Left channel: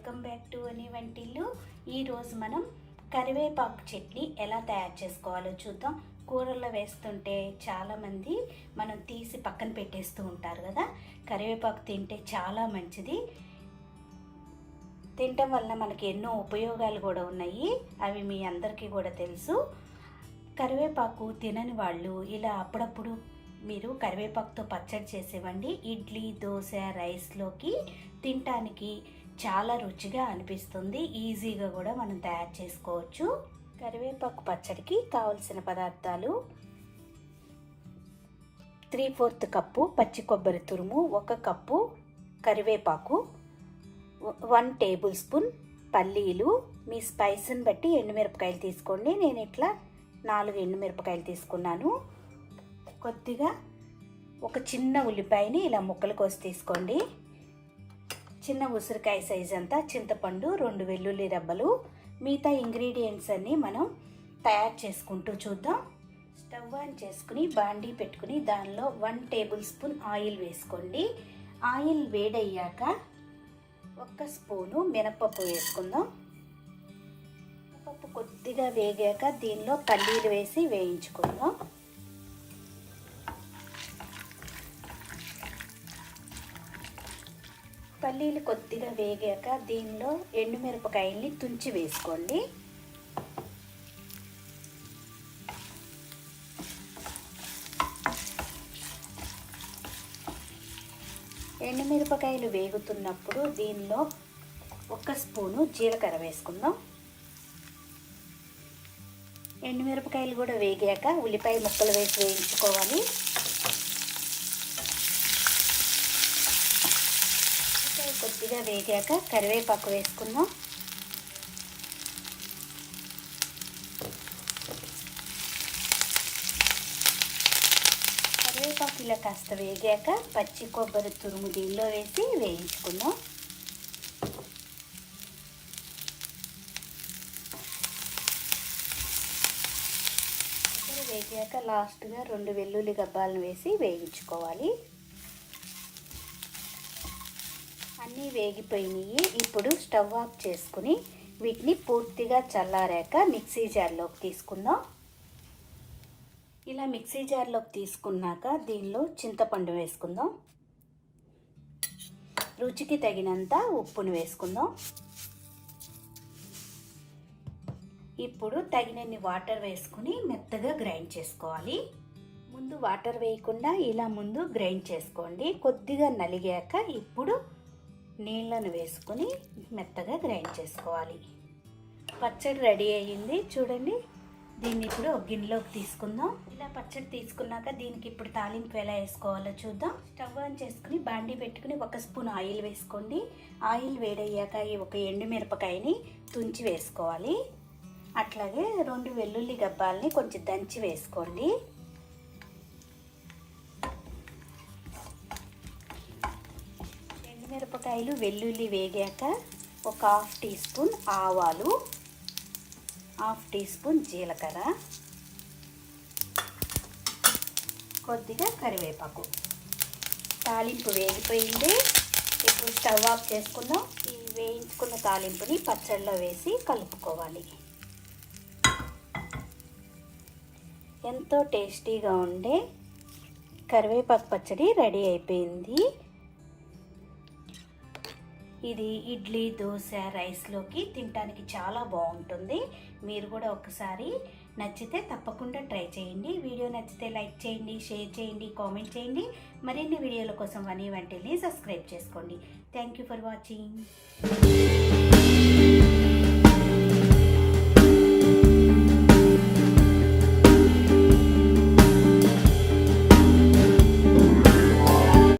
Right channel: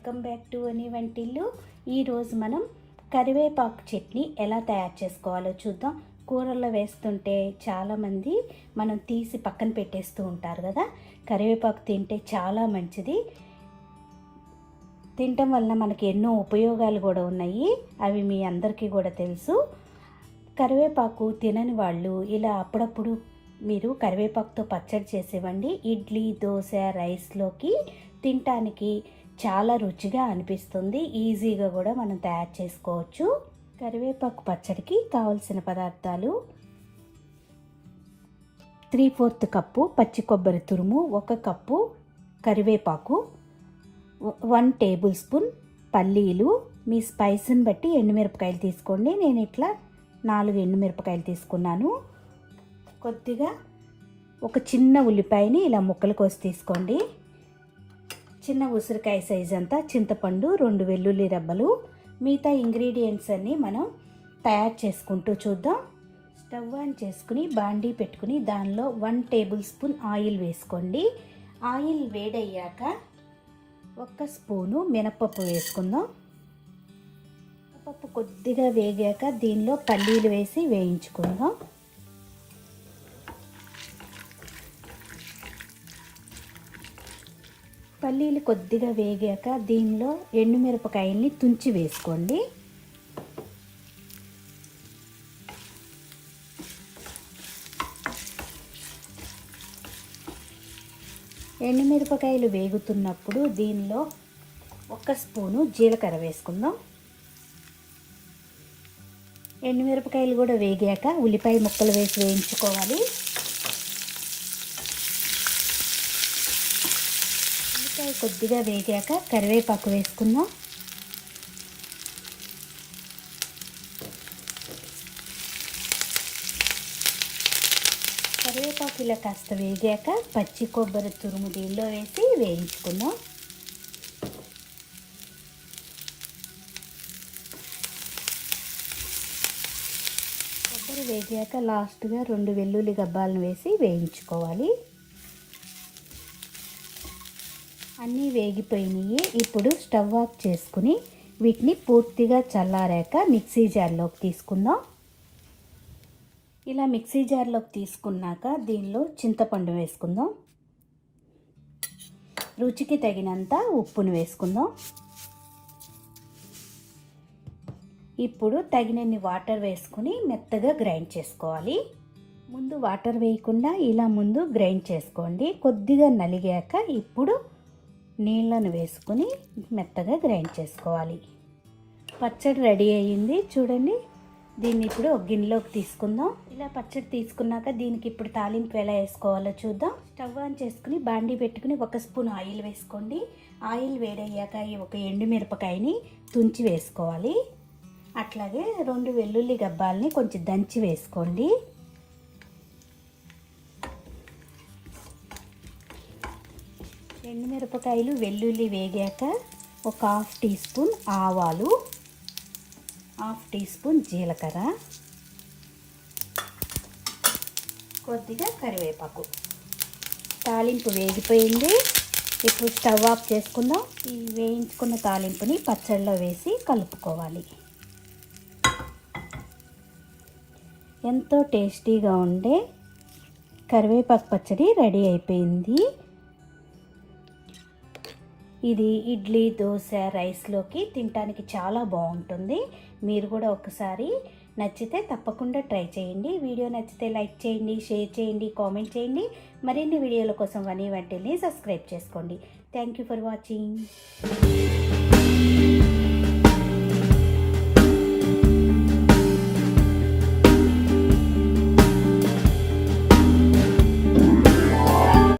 Welcome back to VANI వంటిల్లు. ఈరోజు మనం కరివేపాకు చట్నీ ఎలా తయారు చేసుకోవాలో చూద్దాం. కూరల్లో వేస్తుంటే చాలామంది మనం తీసి పక్కన పెట్టేస్తూ ఉంటారు కదా. కరివేపాకు తింటే చాలా మంచిది. తినటం వలన మనకి ఎన్నో ఉపయోగాలు కూడా ఉన్నాయి. అవి మీ అందరికీ కూడా తెలుసు. కరివేపాకు తినని వాళ్ళు ఇలా అప్పుడప్పుడు మీరు కరివేపాకుతో పచ్చడి చేసేవండి. ఇడ్లీ, దోశ, రైస్లోకి తినటానికి చాలా రుచిగా అనిపిస్తుంది. ఈజీగా కూడా మనం తయారు చేసుకోవచ్చు. కరివేపాకు పచ్చడికి కావలసిన పదార్థాలు: 3/4 కప్పు పచ్చి కొబ్బరి తురుము, 1 కప్పు కరివేపాకు, 1 టేబుల్ స్పూన్ పల్లీలు, మీ స్పైస్ని బట్టి ఎండుమిరపకాయలు తీసుకోండి. నేను ఇట్లా 4 ఎండుమిరపకాయలు తీసుకున్నాను. కొద్దిగా ఒక చిన్న ఉల్లిపాయని ఇలా ముక్కలు కోసి తీసుకోండి. చిన్న ఉసిరికాయ సైజ్ అంతా చింతపండు, 2 వెల్లుల్లి రెబ్బలు. మిగతా ఇంగ్రీడియంట్స్ అన్నీ మనం తయారు చేసుకుంటూ చూద్దాం. స్టవ్ ఆన్ చేసుకుని బాండీ పెట్టుకుని దానిలో 1 టేబుల్ స్పూన్ ఆయిల్ వేసుకోండి. ఆయిల్ వేడయ్యాక 1 స్పూను మినపప్పు వేసుకుందాం. పప్పు కొద్దిగా వేగాక దీనిలో పల్లీలు వేసి వేయించుకుందాం. పల్లీలు కొద్దిగా వేగాక దీనిలో ఎండుమిరపకాయల్ని తుంచి వేసుకోండి. ఎండుమిరపకాయలు వేగుతున్నప్పుడు దీనిలో 1 స్పూను జీలకర్ర వేసుకుందాం. ఎండుమిరపకాయలు కూడా వేగాక ఉల్లిపాయ ముక్కలు వేసి వేయించుకోవాలి. కొద్దిగా వేగాక కరివేపాకు వేసుకుందాం. కరివేపాకు ఇలా కాస్త వేగాక పచ్చి కొబ్బరి తురుము దీనిలో వేసి వేయించుకుందాం. కొబ్బరి వేగాక లాస్ట్గా 2 వెల్లుల్లి గబ్బాలను వేసి వేయించుకోవాలి. అన్నీ వేగిపోయినాయి. ఇప్పుడు స్టవ్ ఆఫ్ చేసుకుని వీటిని పూర్తిగా చల్లారాక మిక్సీ జార్లోకి తీసుకుందాం. ఇలా మిక్సీ జార్లోకి తీసుకున్నాక దీనిలో చింతపండు వేసుకుందాం. రుచికి తగినంత ఉప్పును వేసుకుందాం. ఇప్పుడు తగినన్ని వాటర్ వేసుకుని మెత్తగా గ్రైండ్ చేసుకోవాలి. ముందు వాటర్ వేయకుండా ఇలా ముందు గ్రైండ్ చేసుకోండి. కొద్దిగా నలిగాక ఇప్పుడు నీళ్ళను వేసుకుని మెత్తగా గ్రైండ్ చేసుకోవాలి. పచ్చడి రెడీ అయ్యింది చూడండి. దీన్ని ఇప్పుడు ఒక గిన్నెలోకి తీసుకుందాం. ఇలా పచ్చడి తీసుకున్నాక దీనికి ఇప్పుడు తాలింపు ఎలా వేసుకోవాలో చూద్దాం. స్టవ్ ఆన్ చేసుకుని బాండీ పెట్టుకుని 1 స్పూన్ ఆయిల్ వేసుకోండి. ఆయిల్ వేడయ్యాక ఒక ఎండుమిరపకాయని తుంచి వేసుకోవాలి. అట్లాగే 2 వెల్లుల్లి గబ్బాలని కొంచెం దంచి వేసుకోండి. ఎండుమిరపకాయలు, వెల్లుల్లి వేగాక ఒక 1/2 టీ స్పూన్ ఆవాలు, 1/2 టీ స్పూన్ జీలకర్ర, కొద్దిగా కరివేపాకు. తాలింపు వేగిపోయింది. ఇప్పుడు స్టవ్ ఆఫ్ చేసుకుందాం. ఈ వేయించుకున్న తాలింపుని పచ్చడిలో వేసి కలుపుకోవాలి. ఎంతో టేస్టీగా ఉండే కరివేపాకు పచ్చడి రెడీ అయిపోయింది. ఇది ఇడ్లీ, దోశ, రైస్లోకి తినడానికి చాలా బాగుంటుంది. మీరు కూడా ఒకసారి నచ్చితే తప్పకుండా ట్రై చేయండి. వీడియో నచ్చితే లైక్ చేయండి, షేర్ చేయండి, కామెంట్ చేయండి. మరిన్ని వీడియోల కోసం VANI వంటిల్ని సబ్స్క్రైబ్ చేసుకోండి. Thank you for watching.